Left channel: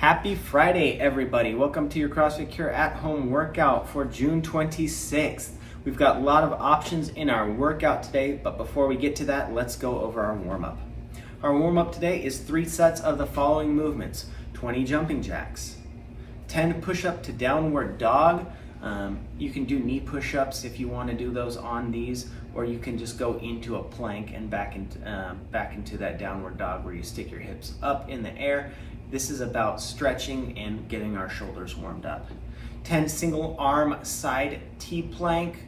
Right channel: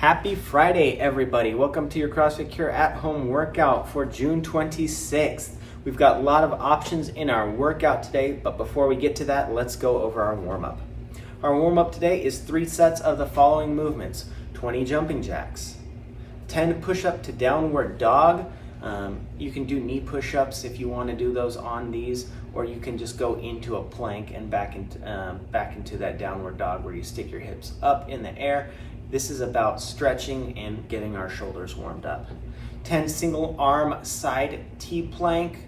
Happy Friday, everybody. Welcome to your CrossFit Cure at-home workout for June 26th. We've got a lot of options in our workout today, but before we get to that, let's go over our warm-up. Our warm-up today is 3 sets of the following movements: 20 jumping jacks, 10 push-up to downward dog. You can do knee push-ups if you want to do those on these, or you can just go into a plank and back into that downward dog where you stick your hips up in the air. This is about stretching and getting our shoulders warmed up. 10 single arm side T plank.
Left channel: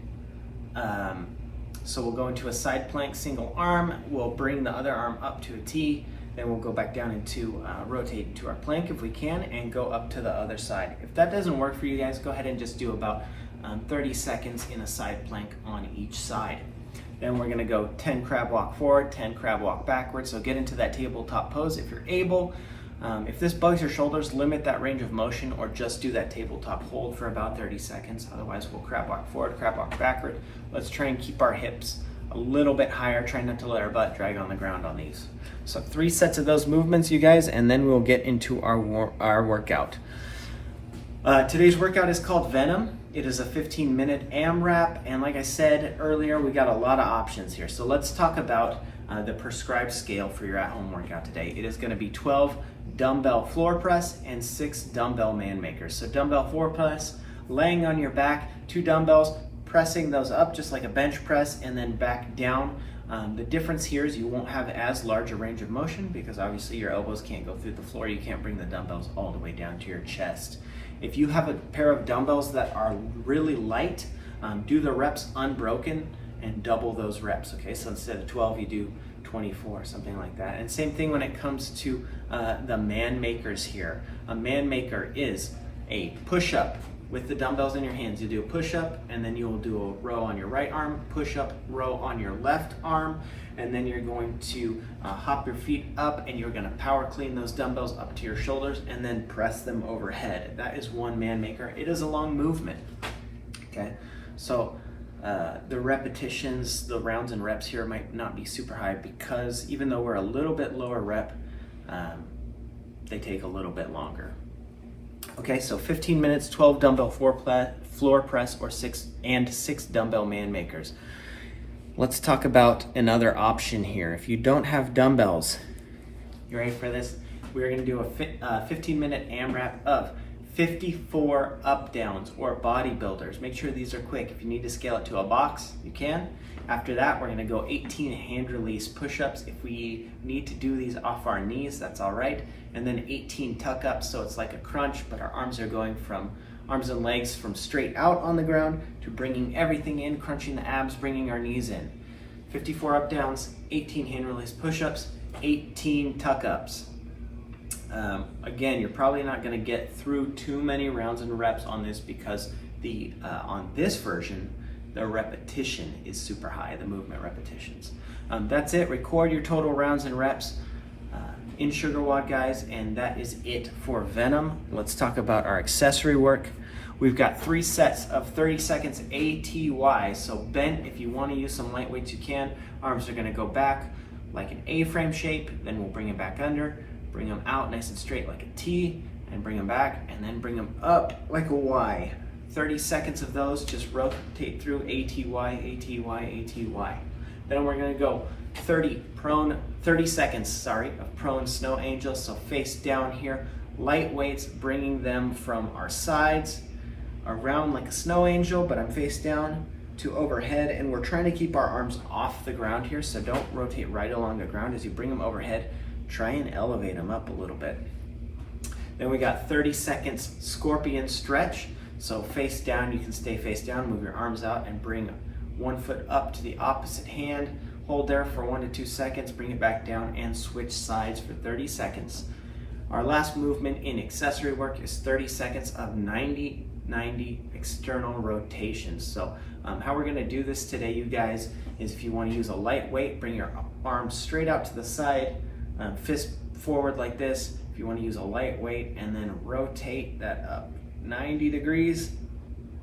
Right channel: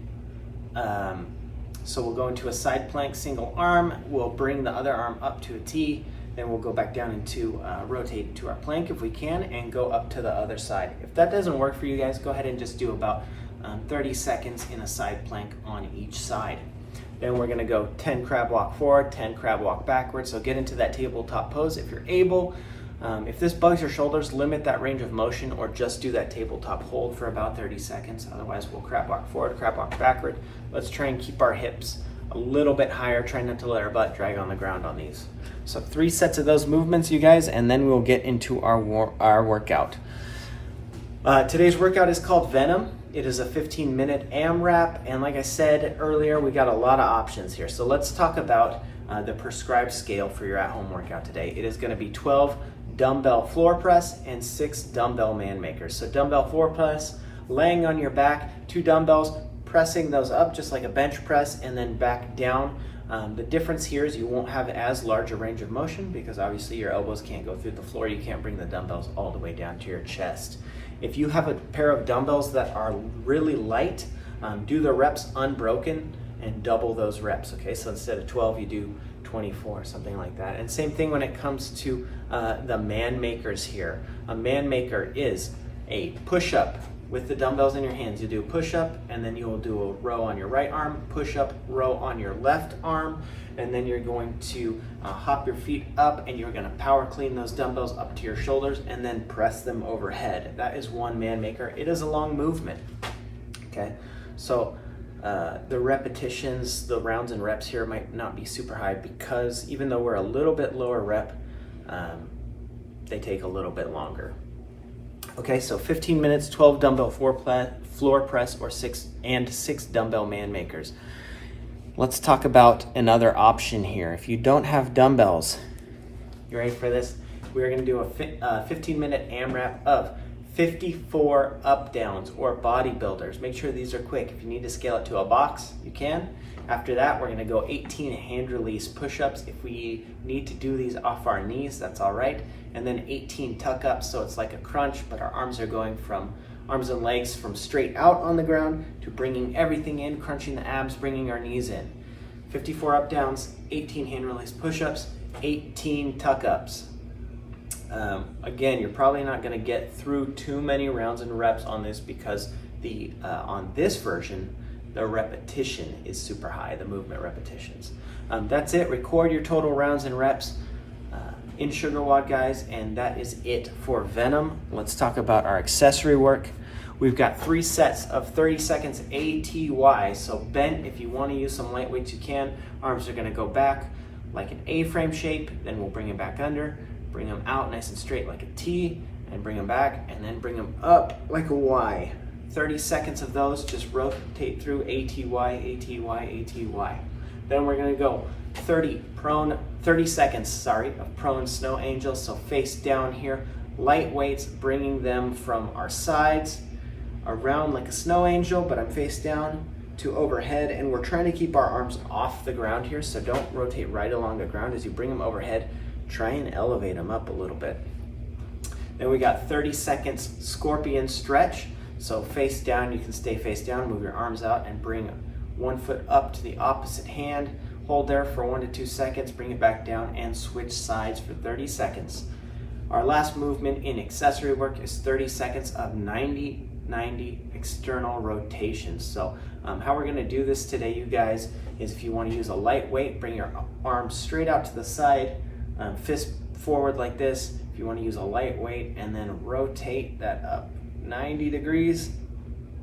So we'll go into a side plank, single arm. We'll bring the other arm up to a T. Then we'll go back down into rotate into our plank if we can, and go up to the other side. If that doesn't work for you guys, go ahead and just do about 30 seconds in a side plank on each side. Then we're gonna go 10 crab walk forward, 10 crab walk backwards. So get into that tabletop pose if you're able. If this bugs your shoulders, limit that range of motion, or just do that tabletop hold for about 30 seconds. Otherwise, we'll crab walk forward, crab walk backward. Let's try and keep our hips a little bit higher. Try not to let our butt drag on the ground on these. So 3 sets of those movements, you guys, and then we'll get into our workout. Today's workout is called Venom. It is a 15-minute AMRAP, and like I said earlier, we got a lot of options here. So let's talk about the prescribed scale for your at-home workout today. It is going to be 12 dumbbell floor press and 6 dumbbell man makers. So dumbbell floor press, laying on your back, 2 dumbbells, pressing those up just like a bench press, and then back down. The difference here is you won't have as large a range of motion because obviously your elbows can't go through the floor. You can't bring the dumbbells all the way down to your chest. If you have a pair of dumbbells that are really light, do the reps unbroken and double those reps, okay? So instead of 12, you do 24, something like that. And same thing when it comes to the man makers here. A man maker is a push-up with the dumbbells in your hands. You do a push-up, and then you will do a row on your right arm, push-up, row on your left arm, and then you're going to hop your feet up, and you're gonna power clean those dumbbells up to your shoulders, and then press them overhead. That is one man maker. It is a long movement, okay? So the repetitions, the rounds and reps here might not be super high because even though we're a little bit lower rep, they take a little bit longer. Okay, so 15 minutes, 12 dumbbell floor press, or 6 dumbbell man makers. Let's talk about another option here. If you don't have dumbbells, you ready for this? We're gonna do a 15-minute AMRAP of 54 up downs or bodybuilders. Make sure these are quick. If you need to scale it to a box, you can. After that, we're gonna go 18 hand release push-ups. If we need to do these off our knees, that's all right. And then 18 tuck ups, so it's like a crunch, but our arms are going from arms and legs from straight out on the ground to bringing everything in, crunching the abs, bringing our knees in. 54 up downs, 18 hand release push-ups, 18 tuck ups. Again, you're probably not going to get through too many rounds and reps on this because on this version, the repetition is super high, the movement repetitions. That's it. Record your total rounds and reps in Sugar WOD, guys, and that is it for Venom. Let's talk about our accessory work. We've got 3 sets of 30 seconds ATY. So bent, if you want to use some light weights, you can. Arms are going to go back like an A-frame shape, then we'll bring it back under. Bring them out nice and straight like a T, and bring them back, and then bring them up like a Y. 30 seconds of those, just rotate through ATY, ATY, ATY. Then we're gonna go 30 seconds of prone snow angel, so face down here. Light weights, bringing them from our sides, around like a snow angel, but I'm face down, to overhead, and we're trying to keep our arms off the ground here, so don't rotate right along the ground as you bring them overhead. Try and elevate them up a little bit. Then we got 30 seconds scorpion stretch. So face down, you can stay face down, move your arms out and bring 1 foot up to the opposite hand. Hold there for 1 to 2 seconds, bring it back down and switch sides for 30 seconds. Our last movement in accessory work is 30 seconds of 90 external rotations. So how we're gonna do this today, you guys, is if you wanna use a light weight, bring your arms straight out to the side, fist forward like this. If you want to use a light weight, and then rotate that up 90 degrees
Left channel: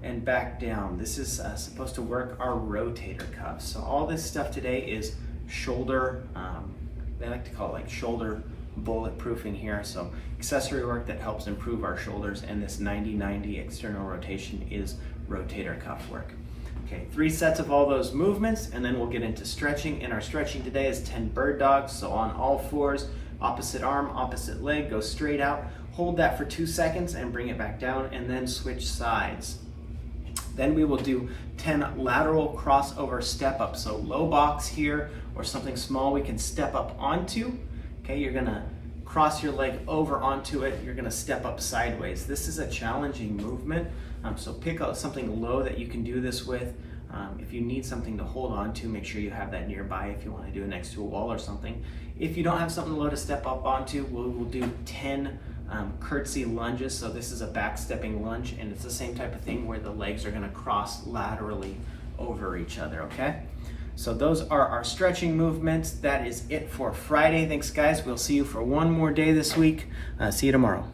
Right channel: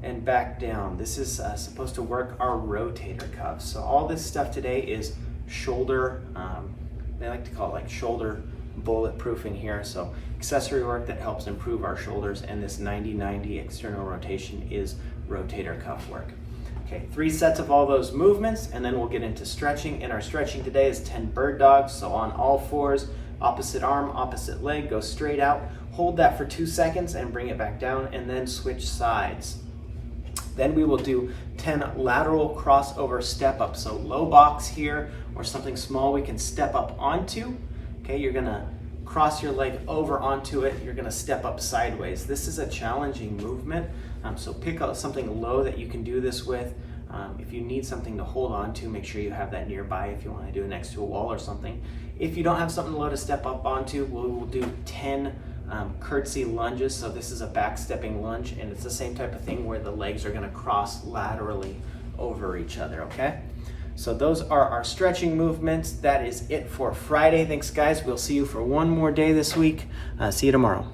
and back down. This is supposed to work our rotator cuffs. So all this stuff today is shoulder, they like to call it like shoulder bulletproofing here. So accessory work that helps improve our shoulders, and this 90-90 external rotation is rotator cuff work. Okay, 3 sets of all those movements, and then we'll get into stretching. And our stretching today is 10 bird dogs. So on all fours, opposite arm, opposite leg, go straight out. Hold that for 2 seconds and bring it back down, and then switch sides. Then we will do 10 lateral crossover step ups. So low box here or something small we can step up onto. Okay, you're gonna cross your leg over onto it. You're gonna step up sideways. This is a challenging movement. So pick out something low that you can do this with. If you need something to hold on to, make sure you have that nearby if you want to do it next to a wall or something. If you don't have something low to step up onto, we will do 10 Curtsey lunges. So this is a back stepping lunge, and it's the same type of thing where the legs are going to cross laterally over each other, okay? So those are our stretching movements. That is it for Friday. Thanks, guys. We'll see you for one more day this week. See you tomorrow.